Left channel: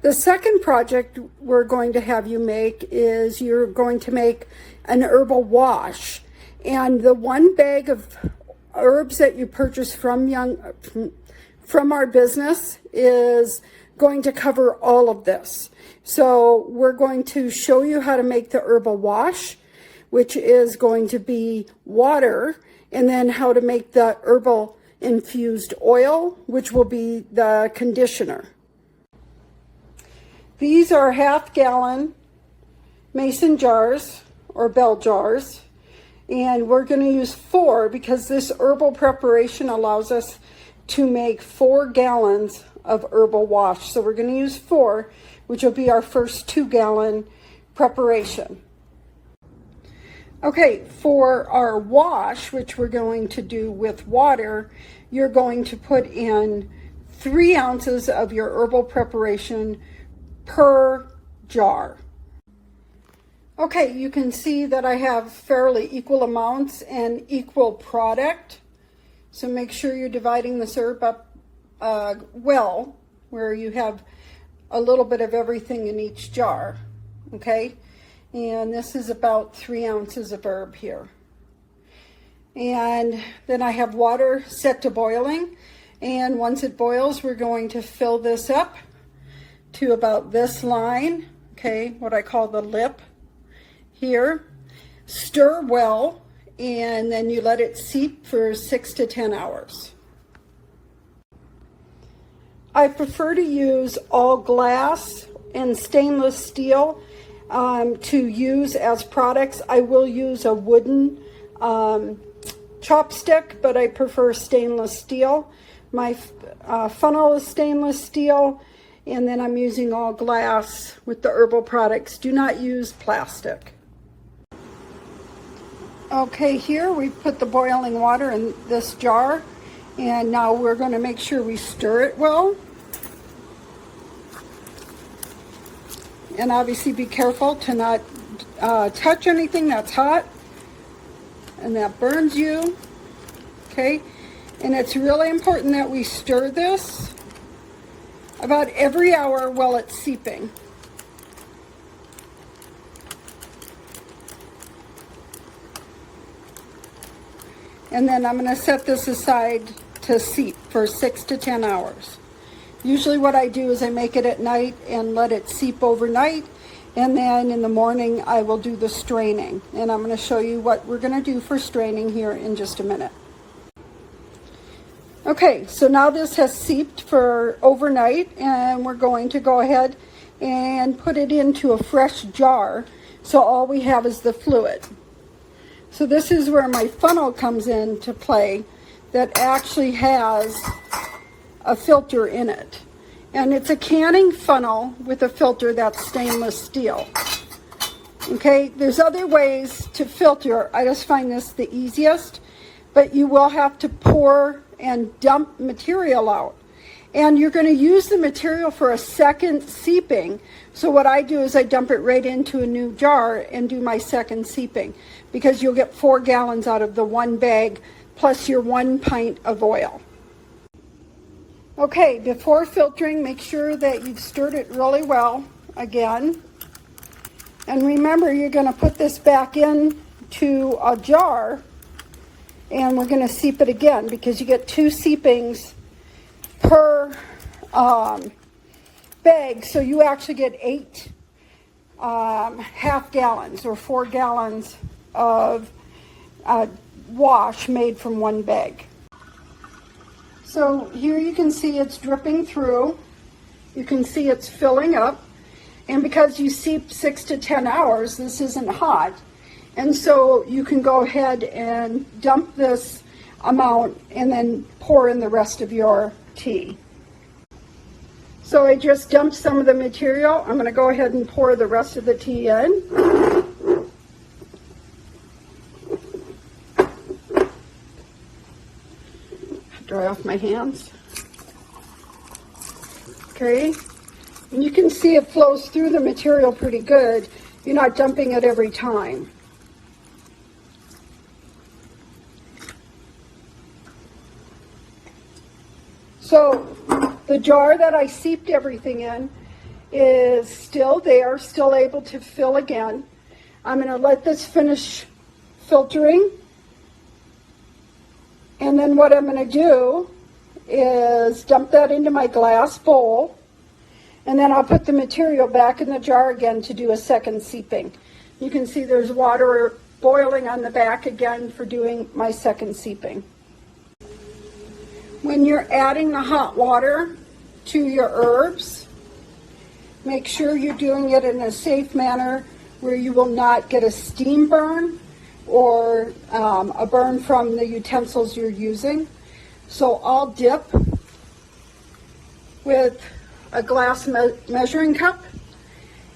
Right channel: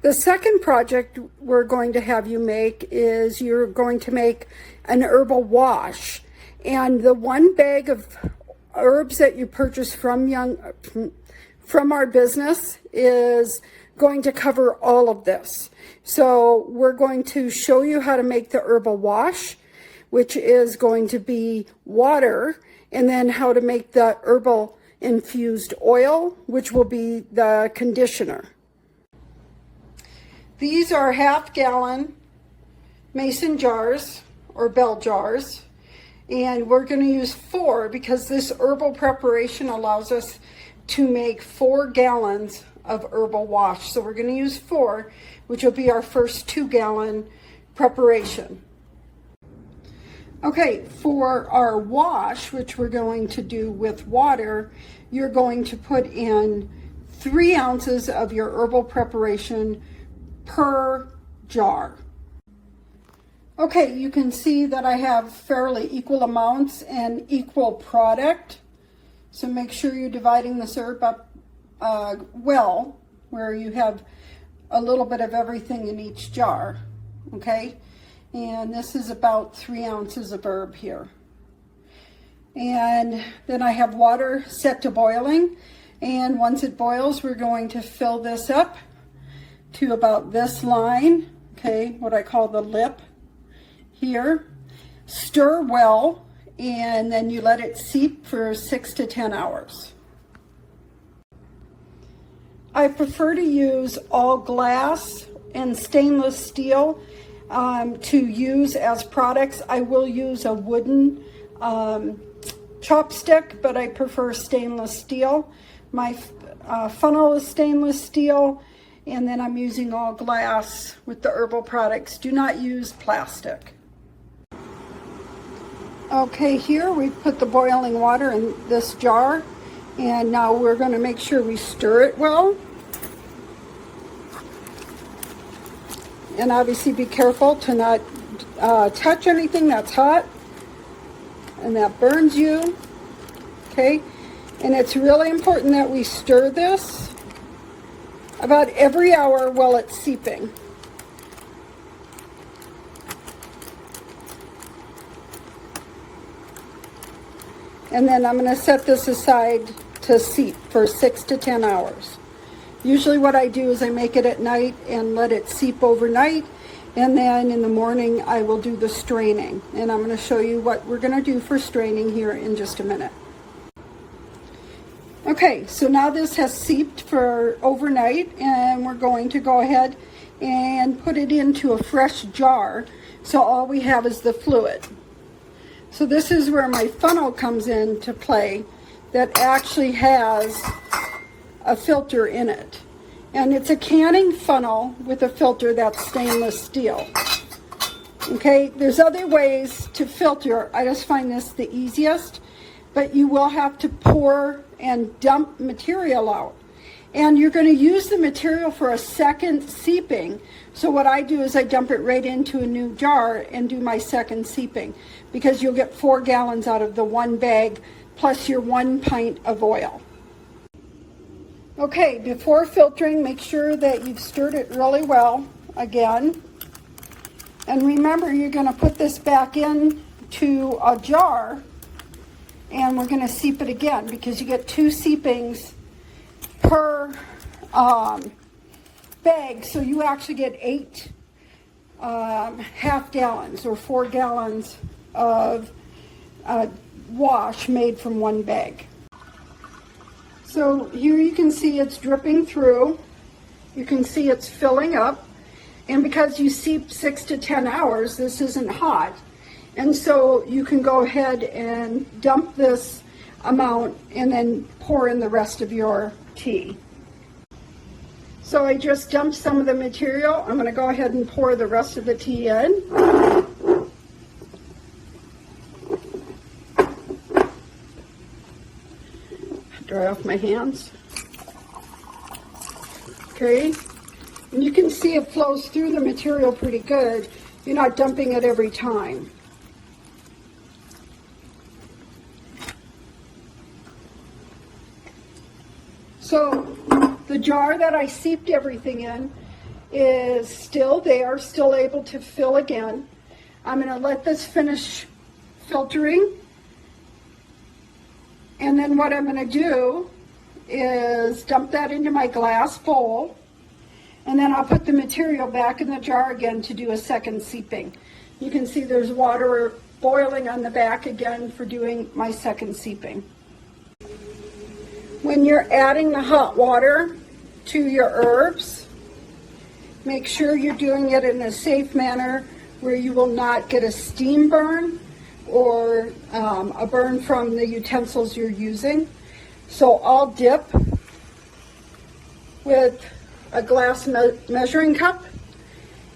The second project we're going to have you make is you're going to make an herbal wash. And the one bag of herbs that you purchase from our business is going to cover all of this. So we're going to show you how to make the herbal wash, which is going to be water, and then how to make the herbal infused oil, which will be the conditioner. These are 1/2 gallon mason jars or bell jars, and we're going to use 4 because this herbal preparation allows us to make 4 gallons of herbal wash. So we're going to use 4, which will be our first 2-gallon preparation. Okay, for our wash, which we're going to do with water, you're going to put in 3 ounces of your herbal preparation per jar. Okay, you can see that I have fairly equal amounts and equal product. So make sure you're dividing this herb up well, where you have a little bit of everything in each jar, okay? And this is about 3 ounces of herb here. And then I have water set to boiling, and once it boils, we're going to fill this up to about this line, okay, what I call the lip here. Stir well, and then you let it seep for 6 to 10 hours. I prefer to use all glass and stainless steel to use as products. I will use a wooden chopstick, but I prefer stainless steel. My funnel is stainless steel, and then I'm using all glass with the herbal products. Do not use plastic. Okay, here we put the boiling water in this jar, and now we're going to make sure we stir it well. And obviously be careful to not touch anything that's hot and that burns you, okay? And it's really important that we stir this about every hour while it's seeping. And then I'm going to set this aside to seep for 6 to 10 hours. Usually what I do is I make it at night and let it seep overnight, and then in the morning I will do the straining. And I'm going to show you what we're going to do for straining here in just a minute. Okay, so now this has seeped for overnight, and we're going to go ahead and put it into a fresh jar, so all we have is the fluid. So this is where my funnel comes into play that actually has a filter in it. And it's a canning funnel with a filter that's stainless steel. Okay, there's other ways to filter. I just find this the easiest, but you will have to pour and dump material out. And you're going to use the material for a second seeping. So what I do is I dump it right into a new jar and do my second seeping, because you'll get 4 gallons out of the one bag plus your 1 pint of oil. Okay, before filtering, make sure that you've stirred it really well again. And remember, you're going to put this back into a jar, and we're going to seep it again, because you get 2 seepings per bag, so you actually get 8 half gallons or 4 gallons of wash made from one bag. So here you can see it's dripping through. You can see it's filling up, and because you seep 6 to 10 hours, this isn't hot, and so you can go ahead and dump this amount and then pour in the rest of your tea. So I just dumped some of the material. I'm going to go ahead and pour the rest of the tea in. Dry off my hands. Okay, and you can see it flows through the material pretty good. You're not dumping it every time. So the jar that I seeped everything in is still there, still able to fill again. I'm going to let this finish filtering. And then what I'm going to do is dump that into my glass bowl. And then I'll put the material back in the jar again to do a second seeping. You can see there's water boiling on the back again for doing my second seeping. When you're adding the hot water to your herbs, make sure you're doing it in a safe manner where you will not get a steam burn or a burn from the utensils you're using. So I'll dip with a glass measuring cup,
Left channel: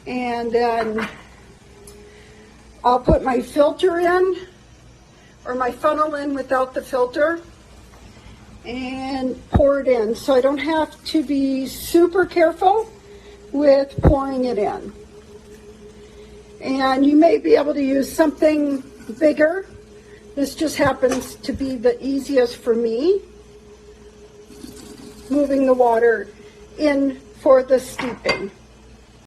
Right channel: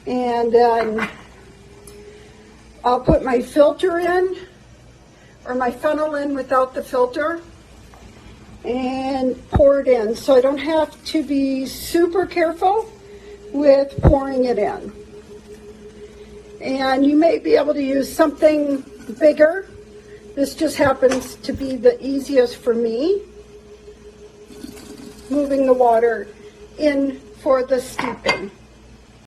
and then I'll put my filter in, or my funnel in without the filter, and pour it in. So I don't have to be super careful with pouring it in. And you may be able to use something bigger. This just happens to be the easiest for me. Moving the water in for the steeping.